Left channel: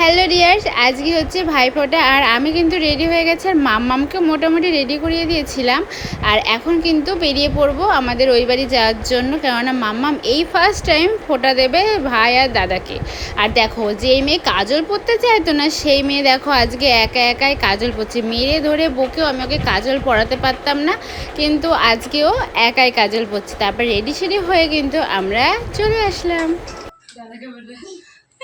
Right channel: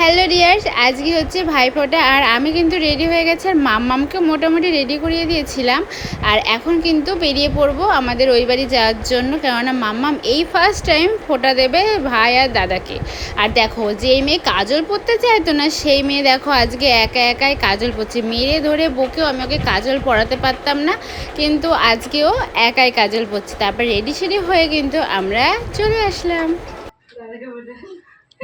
Hello dears, আজকে হচ্ছে ভাইফোঁটা আর আমি কিন্তু রেডি হয়ে গেছি আর মাম্মামকে মোটামুটি রেডি করিয়ে দিয়েছিলাম। আর এখন কিন্তু বেরিয়ে পড়ব আমাদের ওই বাড়ি যাওয়ার জন্য, কেননা মাম্মাম এই ফার্স্ট টাইম ফোঁটা দেবে ভাই আর দাদাকে। আর দেখো, যেই মেয়ে কাজল পরতে চাইতো না, সেই মেয়ে দেখো আজকে একা একাই কাজল পরছে। মেরে ধরে বকেও আমি ওকে কাজল পরাতে পারতাম না, কিন্তু আজকেও একাই কাজল পরছে। তারপর রেডি সেডি হয়ে কিন্তু আমরা চলে আসলাম।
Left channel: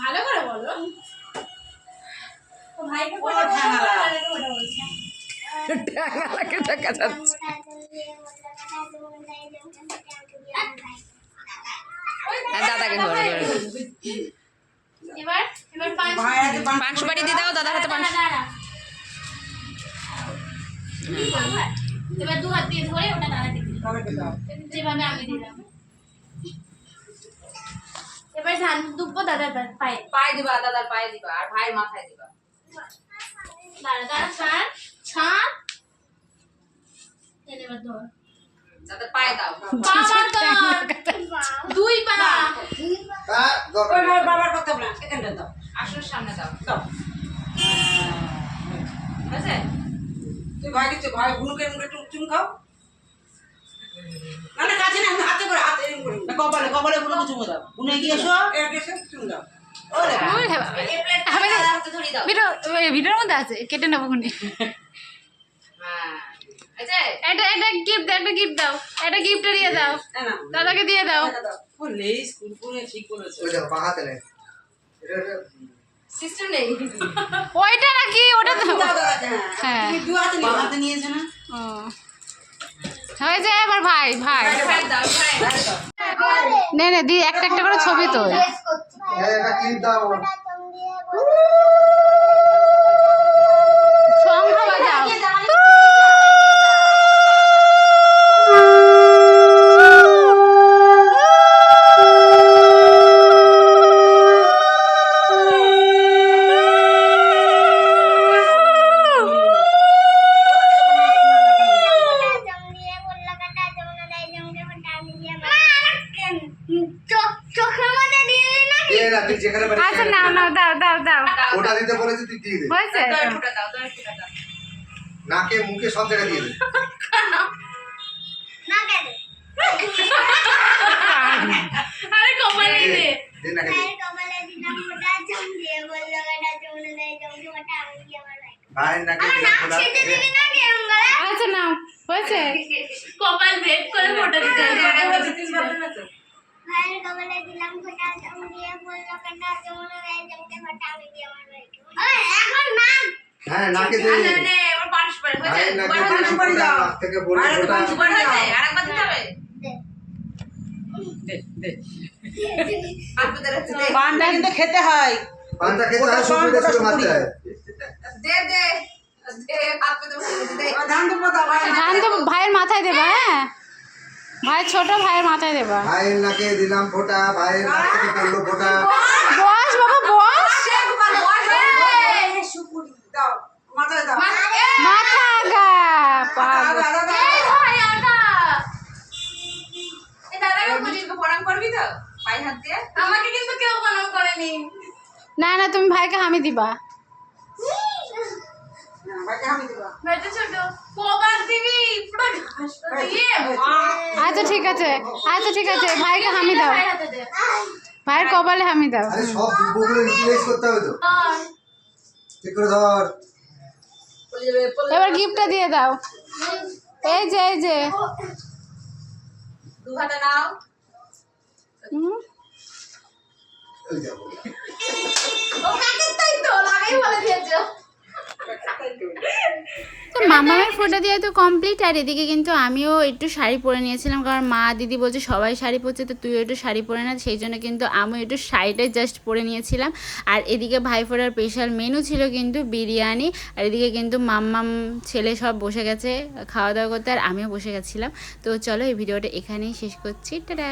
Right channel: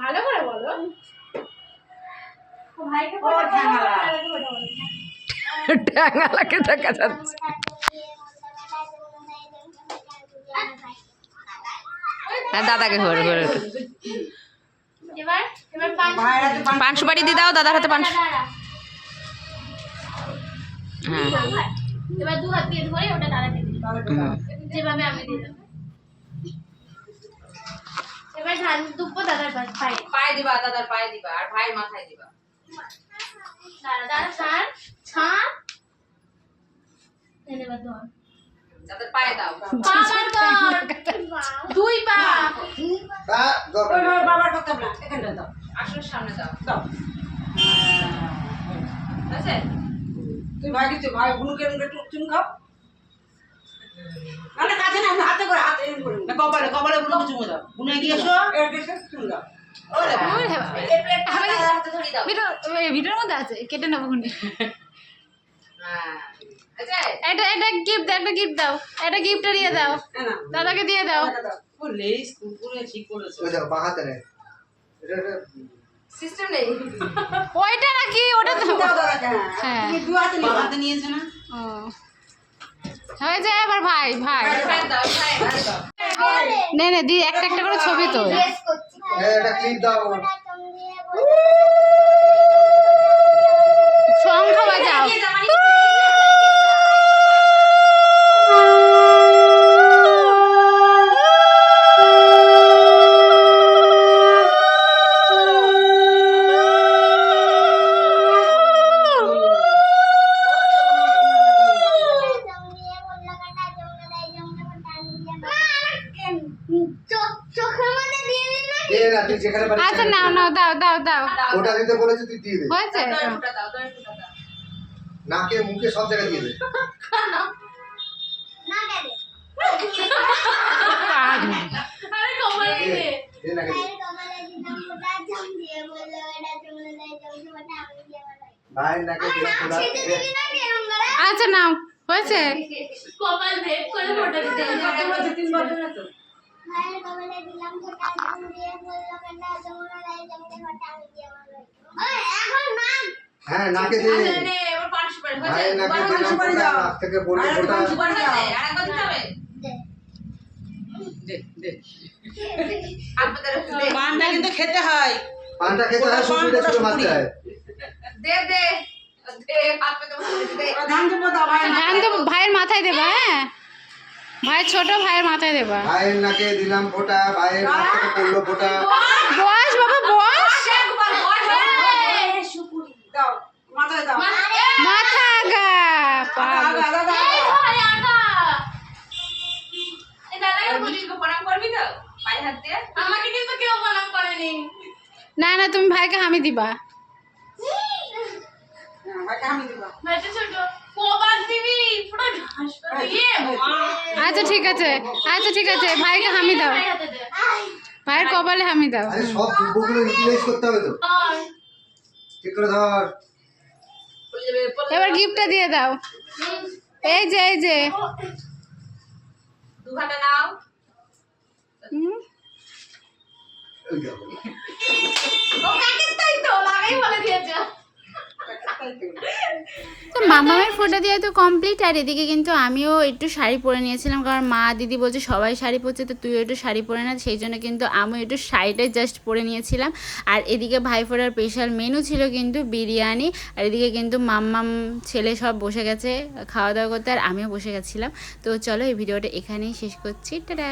ভালো করে বলো। ট্যাঙ্গালাকে দেখা যাচ্ছে। হ্যাঁ দাদাকে ঘরে ঘরে। এবার এবার পাঁচ পান সুপারি দিয়ে দাও দাদার হাতে পান এবার দু হাত দিয়ে ধরে ওটা যেভাবে আমি দিলাম। এবার ধান দুব্বো দাদার পায়ে পায়ে দিবা। দাদার পায়ে দিবা আর ভাইয়ের মাথায় দিবা। দাঁড়া দাঁড়া ছাড় ছাড়। এনে এবার ধর। দাদার পায়ে দাও ধর। দুই পা। বাবার কথা বলা এখানটা দাও। আসলে সামনে দাও দাও। আছে তুই ভাই দিচ্ছ ভাই এরকম একটু চুম খাও। না না কাছে হাতে করে হাতে এরকম করে না, কপালে কপালে বুনুকে চুমু দাও বুনে এগিয়ে এসো। এরকম এসে চুম দাও। হাতে ধরি দাও। ভিডিওর মধ্যে আছে কেটে নেব হ্যাঁ। এটা এটা গিফট একটা গিফট দাও। এটা গিফট দিয়ে দাও। দাদাকে দিয়ে দাও। এটা দাও। ও লেস কুরকুরে ঠিক করেছ। ওই দেখো বাঁ নেই। এটা এটা সিস্টেম নেই। ওইটা নাকি? ওটা তো হ্যাঁ। হ্যাঁ। দু হাতে নিয়েছে না? ও। হয়ে যায় এবার ভাই ভাই নে নে দি একটা একটা করে ছবি তো এটা ক্লিপ দাও দে না তুই যেখানে পারিস আচ্ছা নাও নাও দাও দাও দাও। ওটা দিতে বলেছি তুই দিয়ে দে। হয়েছে নাকে মুখে সব জায়গায় দিয়ে দে। আরে কপালে দে, দে। দে নাকে দে। ভাইয়ের নাকে দিলাম খোলা। আচ্ছা নাও হয়েছে। কপাল ভেদ করে ফটো দিতে হবে তিনবার দেবে তো হ্যাঁ নাকে দে আচ্ছা নে এবার পান সুপারি হয়েছে দুবার দিলাম সুপারি দাও। নাক থেকে আরেকটা ওটা পান সুপারি হয়েছে দাও। আরেকবার দিতে হবে? দে। দে হাত পেতে দে। পানটা কিন্তু খেতে হয়। পানটা খেতে হয় সুপুরিটা ছিল মারতে হয় দে দে। দে হাত পেতে দে। ওই ধান দেবো দাও ভাই ধান দেবো ভাইয়ের মাথায় দেবা হ্যাঁ। ভাই ছোট ভাইয়ের মাথায় দেবা। ভাইয়ের নাকে দিলাম ফোঁটা ভাইয়ের নাক থেকে পড়ল ফোঁটা। বস বাবা বস সুপুরি দাও মাথায় দাও মাথা আগা না না তুমি ভাইকে হামি দিবা। ভাইকে আমি দেবো। ছোট। কবার দিবি পুরো ঘাস আচ্ছা ঠিক আছে। আচ্ছা ঠিক আছে ভাইকে হামি দাও। ভাইয়ের কপালে হামি দাও। আরে সব ইউটিলাইজ করতে হবে তো। ঠিক করে ধর। বলে যাবে বলে এবার গিফটটা দিয়ে দাও। এই যে এই যে। দু হাতে নাও। হুম। ওই দেখো ও কাকে তাই তো মামামের ফোটা দেওয়া তো কমপ্লিট আর এদিকে কিন্তু আমিও একটু শাড়ি পরে নিয়েছিলাম, কারণ মা দিদি বলছে সবাই শাড়ি পরছে, তো তুইও একটু শাড়ি পরে না, সেই জন্য কিন্তু আমি একটু শাড়িটাই জাস্ট পরে নিয়েছিলাম। আর এদিকে ভাইফোঁটার স্পেশাল মেনু ছিল কিন্তু বিরিয়ানি, আর এদিকে কিন্তু মাম্মাম ছেলে সব বসে গেছে খাওয়া দাওয়া করতে, আর আমিও বসে গেছিলাম। তো চলো এই ভিডিওটা এখানেই শেষ করছি, টাটা!